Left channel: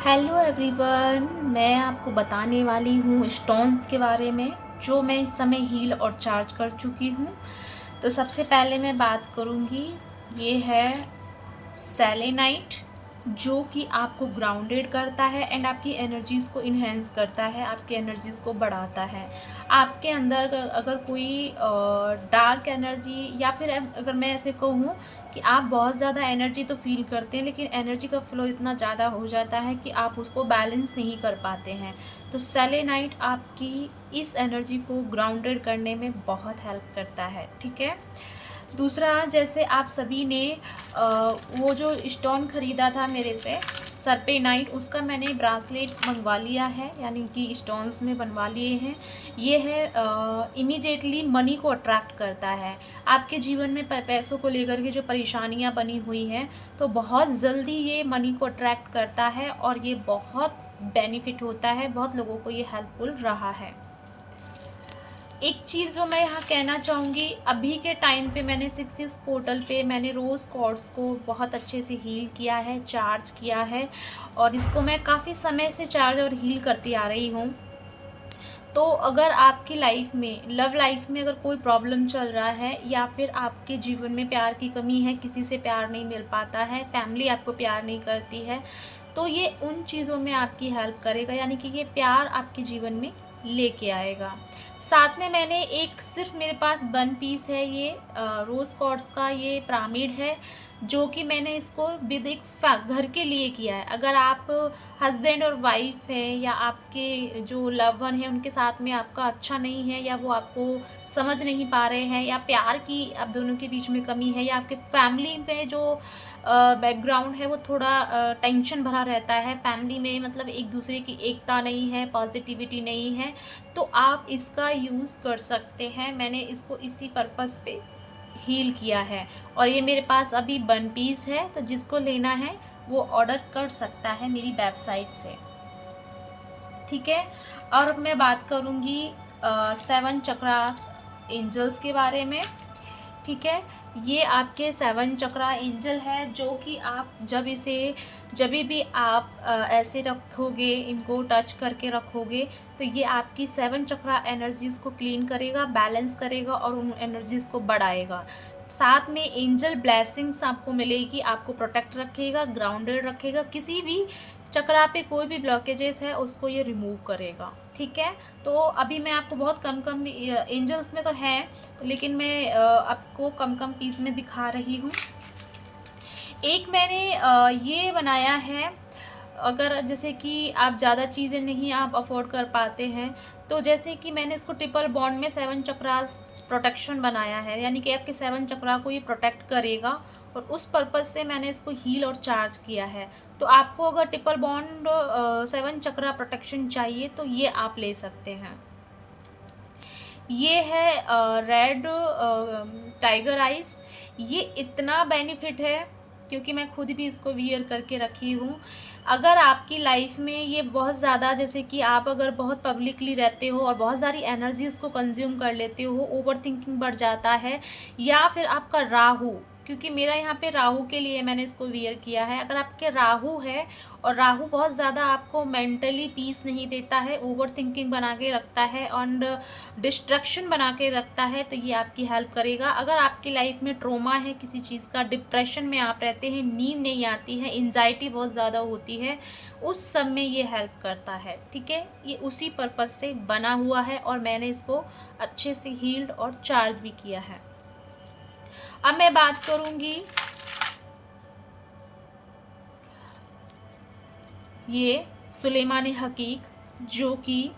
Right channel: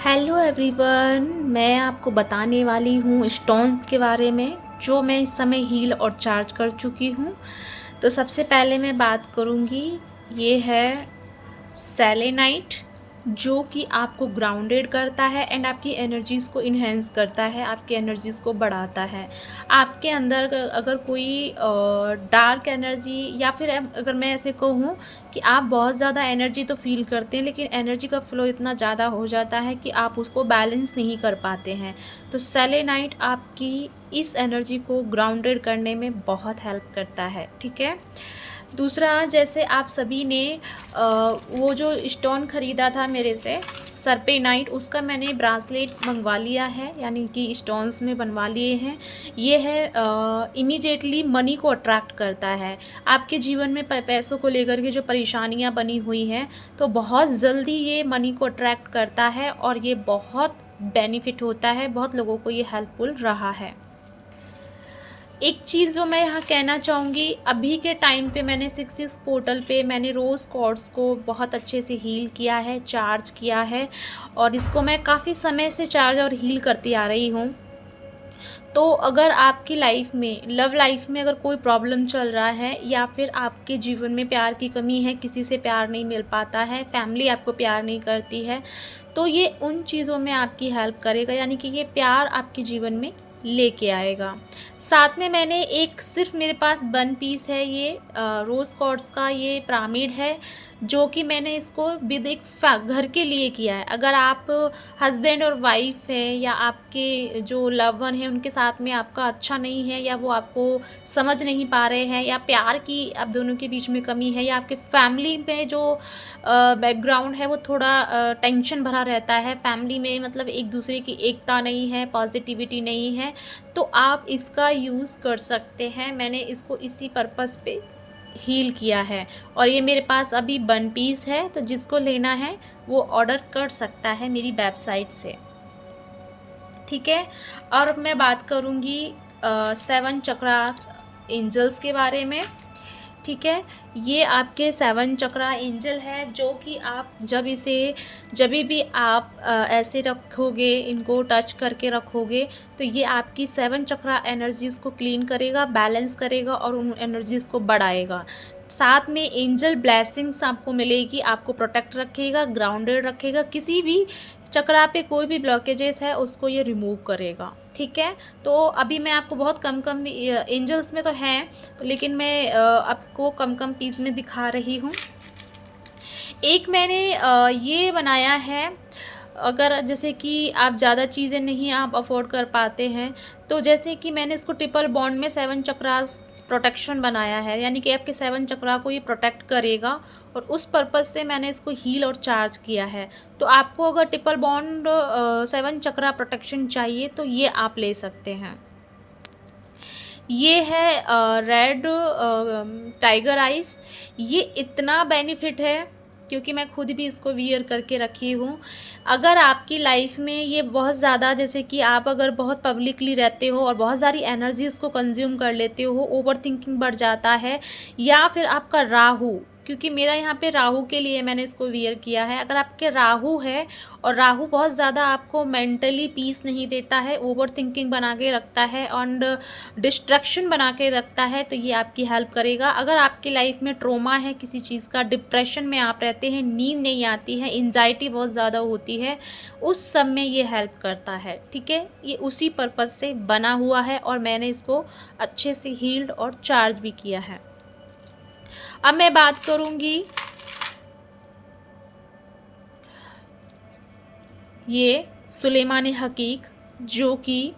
Hello everyone, मैं आपको बताने वाली हूँ स्टोन्स के बारे में जो मैं इस समय हील और चार्ज कर चुकी हूँ। तो सबसे पहले मैं बात करूँगी, ये है सेलेनाइट, जो कि आपको ग्राउंडेड करता है एंड आपकी एनर्जीज़ को इन्हेंस करता है, आपकी एनर्जीज़ को बढ़ाता है। आपके अंदर अगर कोई डार्क एनर्जी या फिर अगर मैं ऐसे कहूँ कि आप बहुत ज़्यादा एनर्जी तो फील करते हैं, लेकिन एनर्जी का फ्लो इतना ज़्यादा हो जाता है कि आप उसको बैलेंस नहीं कर पाते हैं, तो सेलेनाइट आपकी इस एनर्जी को ग्राउंडेड करने में बहुत हेल्प करता है। ठीक है। दूसरा, जैसे आप सभी ने वो जो स्टोन ख़रीदा था मेरे से सरपेनाइट, उसका मैंने ब्रासलेट मंगवा लिया है, यानी कि स्टोन्स में बनवा लिए हैं। ये है इमीडिएटली मनी को अट्रैक्ट करता है। आपके जीवन में पैसों को लेकर के जो परेशानियां बनी हुई हैं, तो बहुत जल्दी ये मनी को अट्रैक्ट करता है और ये बहुत बेनिफिट होता है, बहुत लोगों को ये हेल्पफुल रहा है। एक चीज़ जो मैं यहाँ कहना चाहूँगी, अभी के टाइम पे मैंने 66 पोर्टल पे मैंने रोज़ क्वार्ट्ज को बहुत अच्छे से हील किया है, चार्ज किया है, और इसको मैं काफ़ी समय से चार्ज और हील करती आ रही हूँ। तो अगर आपकी लाइफ में, लव लाइफ में अगर कोई प्रॉब्लम चल रहा है, या फिर आपके जीवन में प्यार की कमी है, किसी से प्यार नहीं मिल पाता है, फैमिली आपको प्यार नहीं करती है, तो ये उन चीज़ों में आपकी हेल्प करेगा, यानी कि ये प्यार आपके जीवन में लेके आएगा। साथ में मैंने एक, सिर्फ मेरे पास 1 पीस है, ये रोज़ क्वार्ट्ज का ये पिरामिड है, जो कि मैंने इसको विद एक घर के लिए किया है। अगर आप हस्बैंड और वाइफ हैं, या आपके जो लव वन है उनके साथ में आपका अच्छा नहीं है, या वो आपको समझ नहीं पा रहे हैं, या प्यार की आप दोनों के बीच में कमी है, या आपके फैमिली में जो बैकग्राउंड है वो थोड़ा टेंशन भरा रहता है, फैमिली में मतलब एक दूसरे की एकता नहीं है, पॉजिटिविटी नहीं है, तो आप इसका यूज़ कर सकते हैं। मैंने इसको इसी पर्पस पे हील किया है, और ये मेरे पास अभी 1 पीस है, तो जिसको लेना है वो ऑर्डर कर सकता है मेरी वेबसाइट से। ठीक है। और अब मैं बात करूँगी 7 चक्रा एंजल्स के बारे में। ठीक है। ये आपके 7 चक्रा एंजल है, जो कि आप जब भी आप ऐसे रखोगे, इनको टच करके रखोगे, तो ये आपकी 7 चक्रा एनर्जीज़ को क्लीन करेगा, बैलेंस करेगा और उन एनर्जीज़ को बढ़ाएगा। साथ में एंजल ब्लेसिंग्स आपको मिलेगी, आपको प्रोटेक्ट रखेगा, ग्राउंडेड रखेगा, किसी भी चक्रा पे कोई भी ब्लॉकेजेस है उसको ये रिमूव करेगा। ठीक है। तो अभी मैं आपको बहुत कम कम एंजल्स में तो हैं, तो लेकिन मैं आपको कम कम पीस में दिखा रही हूँ। एक मैंने ये बनाया है, अगर जैसे कि आप ज़्यादा चीज़ें नहीं आप अफोर्ड कर पाते हैं, तो जैसे कि मैंने इसको ट्रिपल बॉन्ड में 7 चक्रास प्रोटेक्शन बनाया है, यानी कि आपके 7 चक्रा को ये प्रोटेक्ट करेगा, और उस पर्पज़ से मैंने इसको हील और चार्ज किया है। तो आपको अगर ट्रिपल बॉन्ड 7 चक्रा प्रोटेक्शन चाहिए, तो ये आप ले सकते हैं। ये है रेड टाइगर आइस। ये इतना बेनिफिट है, क्योंकि मैं खुद भी इसको वियर करके रखी हूँ। अगर आपकी लाइफ में ये बहुत ज़्यादा, जैसे कि आप अगर बहुत पब्लिकली रहते हो और बहुत सारी एनर्जी इसको कंज्यूम कर लेते हो, ओवर थिंकिंग बढ़ जाता है, या फिर आपका राहु, क्योंकि मेरा यहाँ पे राहु के लिए मैंने इसको वियर किया है। अगर आपके राहु है, और राहु बहुत ज़्यादा आपको मेंटली पीस नहीं देता है, ओवर थिंकिंग बना के रखता है एंड डिस्ट्रैक्शन बना के रखता है, तो ये आपकी हेल्प करेगा। अगर आपकी लाइफ में ट्रोमा है किसी चीज़ का, डिप्रेशन में आप रहते हैं, नींद नहीं आती है, एंजाइटी बहुत ज़्यादा होती है, उस सब में ये हेल्प करता है। ठीक है। ये उसी पर्पज़ से बना हुआ है, और मैंने इसको अच्छे से हील्ड और चार्ज भी किया है। अब मैं बात करूँगी, ये सुलेमान हकीक, जो कि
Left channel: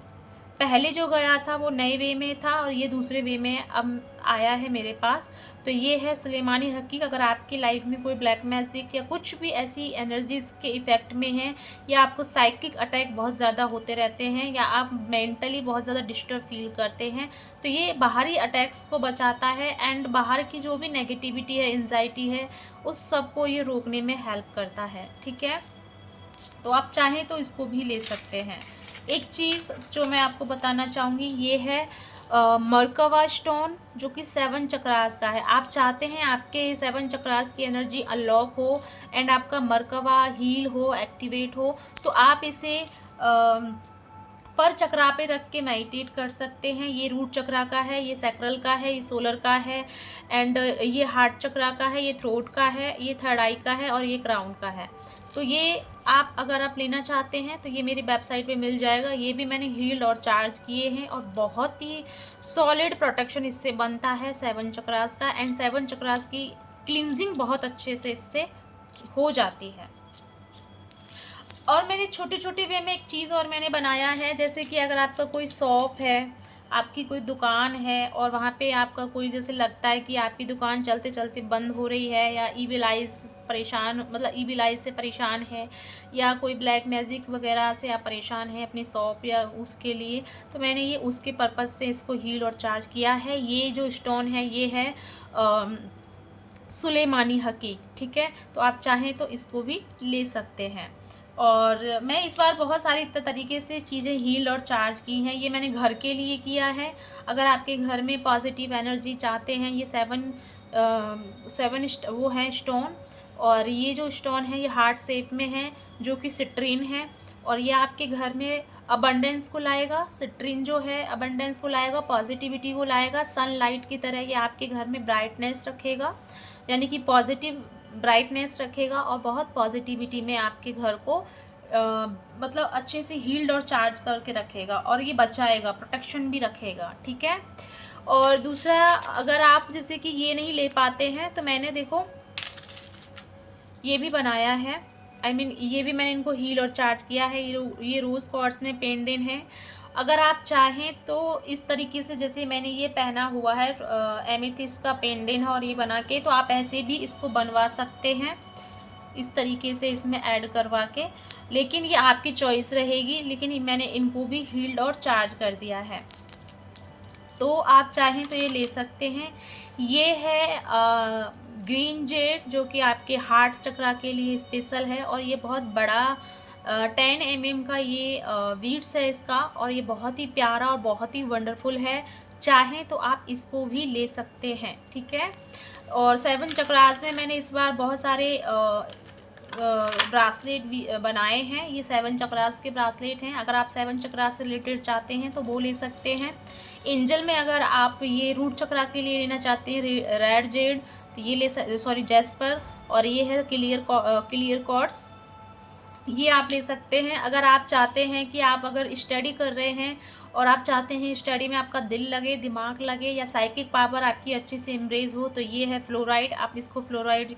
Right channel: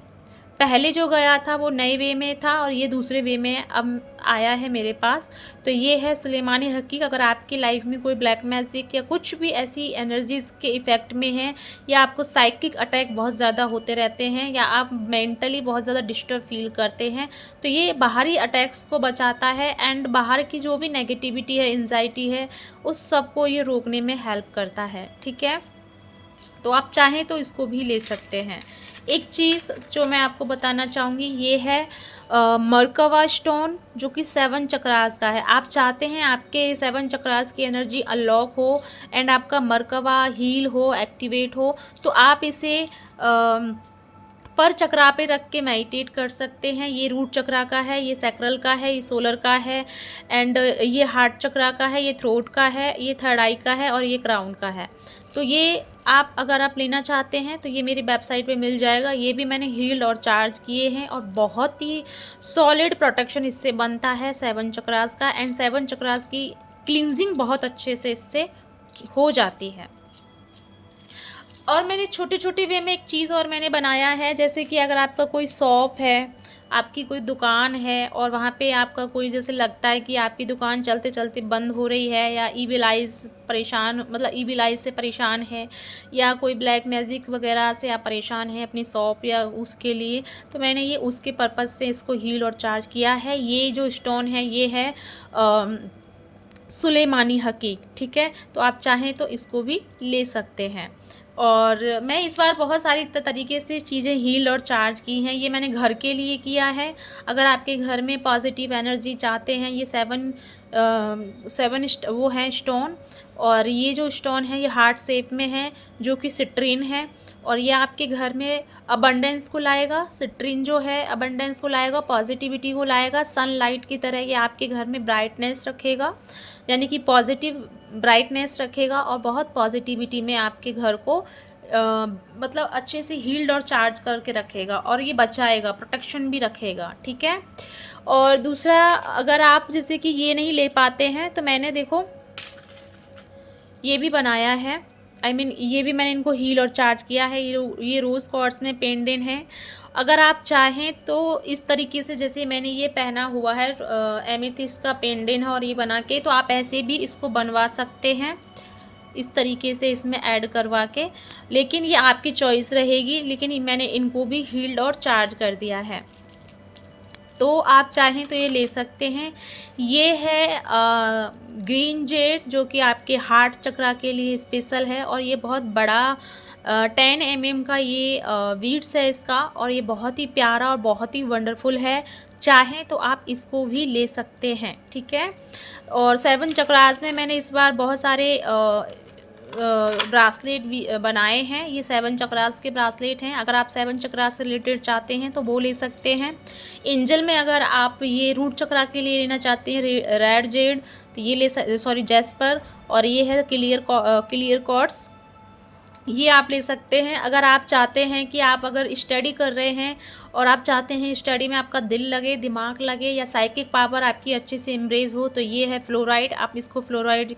पहले जो गया था वो नए वे में था, और ये दूसरे वे में अब आया है मेरे पास। तो ये है सुलेमानी हकीक। अगर आपकी लाइफ में कोई ब्लैक मैजिक या कुछ भी ऐसी एनर्जीज़ के इफ़ेक्ट में हैं, या आपको साइकिक अटैक बहुत ज़्यादा होते रहते हैं, या आप मेंटली बहुत ज़्यादा डिस्टर्ब फील करते हैं, तो ये बाहरी अटैक्स को बचाता है, एंड बाहर की जो भी नेगेटिविटी है, एंजाइटी है, उस सब को ये रोकने में हेल्प करता है। ठीक है। तो आप चाहें तो इसको भी ले सकते हैं। एक चीज़ जो मैं आपको बताना चाहूँगी, ये है मरकवा स्टोन जो कि 7 चक्रास का है। आप चाहते हैं आपके 7 चक्रास की एनर्जी अनलॉक हो एंड आपका मरकवा हील हो, एक्टिवेट हो, तो आप इसे पर चक्रा पे रख के मेडिटेट कर सकते हैं। ये रूट चक्रा का है, ये सैक्रल का है, ये सोलर का है एंड ये हार्ट चक्रा का है, ये थ्रोट का है, ये थर्ड आई का है और ये क्राउन का है। तो ये आप अगर आप लेना चाहते हैं तो ये मेरी वेबसाइट पे मिल जाएगा। ये भी मैंने हील्ड और चार्ज किए हैं और बहुत ही सॉलिड प्रोटेक्शन इससे बनता है 7 चक्रास का एंड 7 चक्रास की क्लींजिंग बहुत अच्छे से इससे हो जाती है। और मैंने छोटी छोटी वे में एक चीज़ और मैंने बनाया है, जैसे कि अगर आपका कोई शॉप है, आपकी कोई दुकान है और वहाँ पे आपका कोई जैसे लगता है कि आपकी दुकान चलते चलते बंद हो रही है या ईविल आइज़ परेशान, मतलब ईविल आइज़ से परेशान है या कोई ब्लैक मैजिक वगैरह से आप परेशान हैं अपनी शॉप या उसके लिए, तो मैंने ये उसके पर्पज़ से इसको हील और चार्ज किया है। ये जो स्टोन है ये है सुलेमानी हकीक, ठीक है। तो आप चाहें तो इसको भी ले सकते हैं। और मैं इस बार बहुत सारी तरीके से चीज़ें हील और चार्ज की हैं। ये मैंने घर के लिए किया है। अगर आपके घर में पॉजिटिव एनर्जी चाहते हैं, ये 7 वो है स्टोन, और ये जो स्टोन है ये हार्ट शेप में है जो कि सिट्रीन है और ये आपके घर में अबंडेंस को लाएगा। सिट्रीन जो है अबंडेंस को लाएगा, पॉजिटिविटी को लाएगा, सनलाइट की तरह ये आपके घर में ब्राइटनेस रखेगा, यानी कि पॉजिटिव ब्राइटनेस रखेगा और बहुत पॉजिटिविटी में आपके घर को मतलब अच्छे से हील्ड और चार्ज करके रखेगा और ये बचाएगा, प्रोटेक्शन भी रखेगा, ठीक है। और दूसरा, अगर आप जैसे कि ये नहीं ले पाते हैं तो मैंने देखो ये भी बनाया है, ये भी मैंने इनको हील और चार्ज किया है। ये रोज़ क्वार्ट्ज में पेंडेंट है। अगर आप चाहें तो इस तरीके से, जैसे मैंने ये पहना हुआ है एमेथिस्ट का पेंडेंट है और ये बना के, तो आप ऐसे भी इसको बनवा सकते हैं इस तरीके से इसमें ऐड करवा के, लेकिन ये आपकी चॉइस रहेगी। लेकिन मैंने इनको भी हील्ड और चार्ज कर दिया है, तो आप चाहें तो ये ले सकते हैं। ये है ग्रीन जेड जो कि आपके हार्ट चक्रा के लिए स्पेशल है और ये बहुत बड़ा 10 mm का ये वीड्स है इसका और ये बहुत ही प्यारा और बहुत ही वंडरफुल है। चाहें तो आप इसको भी ले सकते हैं, ठीक है। और 7 चक्रास में मैंने इस बार बहुत सारे ब्रासलेट भी बनाए हैं। ये 7 चक्रास के ब्रासलेट हैं। अगर आप 7 चक्रास से रिलेटेड चाहते हैं तो वो ले सकते हैं। एंजल में अगर आप ये रूट चक्रा के लिए लेना चाहते हैं रेड जेड, तो ये जैस्पर, और ये है क्लियर क्वार्ट्ज, ये आप ले सकते हैं। अगर आप चाहते हैं कि आप अगर स्टडी कर रहे हैं और आप चाहते हैं स्टडी में आपका दिल लगे, दिमाग लगे या साइकिक पावर आपकी अच्छे से इम्ब्रेज हो, तो ये है फ्लोराइड। आप इसको फ्लोराइड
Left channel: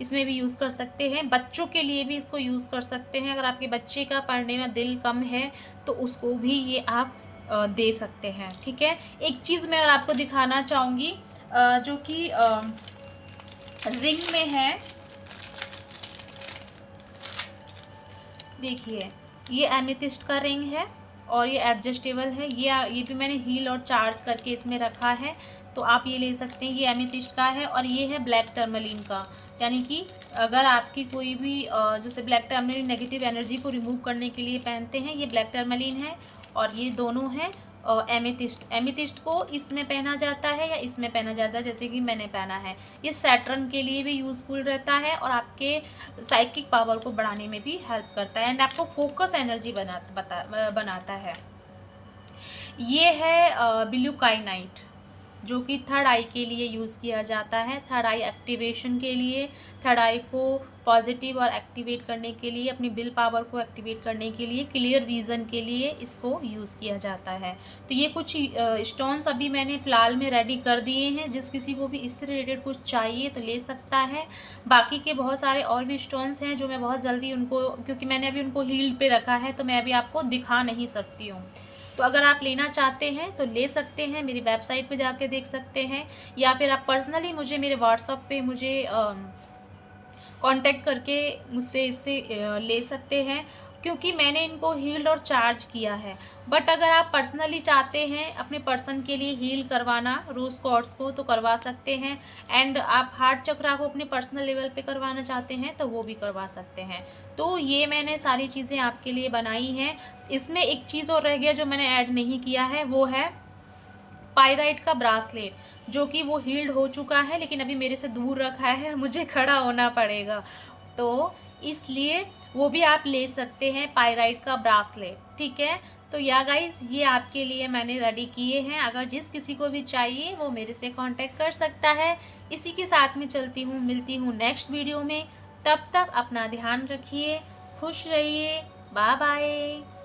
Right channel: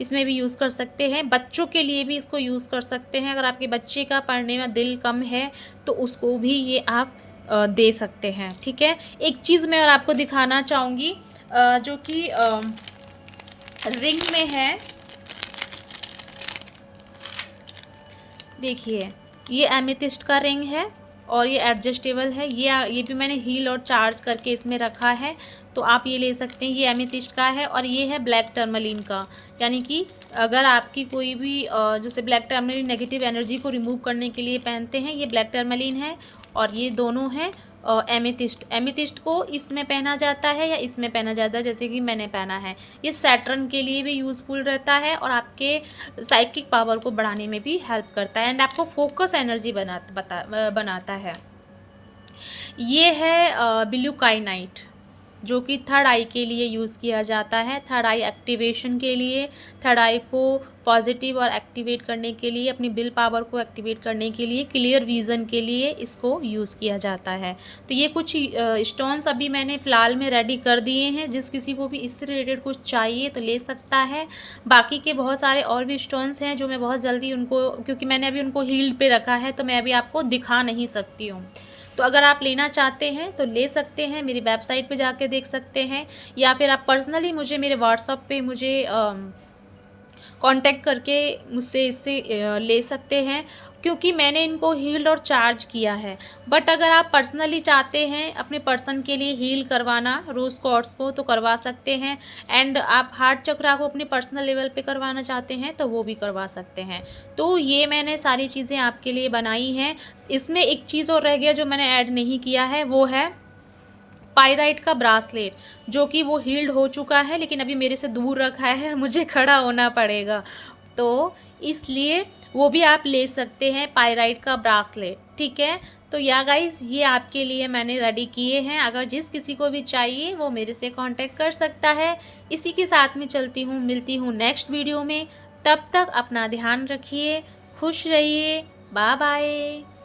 इसमें भी यूज़ कर सकते हैं। बच्चों के लिए भी इसको यूज़ कर सकते हैं। अगर आपके बच्चे का पढ़ने में दिल कम है तो उसको भी ये आप दे सकते हैं, ठीक है। एक चीज़ मैं और आपको दिखाना चाहूँगी जो कि रिंग में है। देखिए, ये एमेथिस्ट का रिंग है और ये एडजस्टेबल है। ये भी मैंने हील और चार्ज करके इसमें रखा है, तो आप ये ले सकते हैं। ये एमेथिस्ट का है और ये है ब्लैक टर्मलिन का, यानी कि अगर आपकी कोई भी जैसे ब्लैक टर्मलिन नेगेटिव एनर्जी को रिमूव करने के लिए पहनते हैं, ये ब्लैक टर्मलिन है और ये दोनों हैं एमेथिस्ट को इसमें पहना जाता है या इसमें पहना जाता है, जैसे कि मैंने पहना है। ये सैटर्न के लिए भी यूज़फुल रहता है और आपके साइकिक पावर को बढ़ाने में भी हेल्प करता है एंड आपको फोकस एनर्जी बनाता है। ये है ब्लू काइनाइट जो कि थर्ड आई के लिए यूज़ किया जाता है। थर्ड आई एक्टिवेशन के लिए, थर्ड आई को पॉजिटिव और एक्टिवेट करने के लिए, अपनी विल पावर को एक्टिवेट करने के लिए, क्लियर विज़न के लिए इसको यूज़ किया जाता है। तो ये कुछ स्टोन्स अभी मैंने फ़िलहाल में रेडी कर दिए हैं। जिस किसी को भी इससे रिलेटेड कुछ चाहिए तो ले सकता है। बाकी के बहुत सारे और भी स्टोन्स हैं जो मैं बहुत जल्दी उनको, क्योंकि मैंने अभी उनको हील्ड पे रखा है तो मैं अभी आपको दिखा नहीं सकती हूँ। तो अगर आप लेना चाहते हैं तो ले सकते हैं, मेरी वेबसाइट पे जाके देख सकते हैं, या फिर आप पर्सनली मुझे मेरे व्हाट्सएप पे मुझे कांटेक्ट करके मुझसे इससे ले सकते हैं, क्योंकि मैंने इनको हील्ड और चार्ज किया है। बट अगर आप पर्सनली चाहते हैं अपने पर्सन के लिए हील करवाना रोज़ क्वार्ट्ज को, तो करवा सकते हैं। एंड आप हार्ट चक्रा को अपने पर्सनल लेवल पे करवाना चाहते हैं तो वो भी करवा सकते हैं। तो ये मैंने सारी चीज़ें आपके लिए बनाई हैं। इसमें एक चीज़ और रह गया जो मैंने ऐड नहीं किया है, वो है पायराइट का ब्रासलेट, जो कि वो हील्ड हो चुका है लेकिन अभी मेरे से दूर रखा है, मुझे खड़ा होना पड़ेगा, तो इसलिए वो भी आप ले सकते हैं, पायराइट का ब्रासलेट, ठीक है। तो या गाइज़, ये आपके लिए मैंने रेडी किए हैं, अगर जिस किसी को भी चाहिए वो मेरे से कांटेक्ट कर सकता है। इसी के साथ में चलती हूँ, मिलती हूँ नेक्स्ट वीडियो में। तब तक अपना ध्यान रखिए, खुश रहिए, बाय बाय।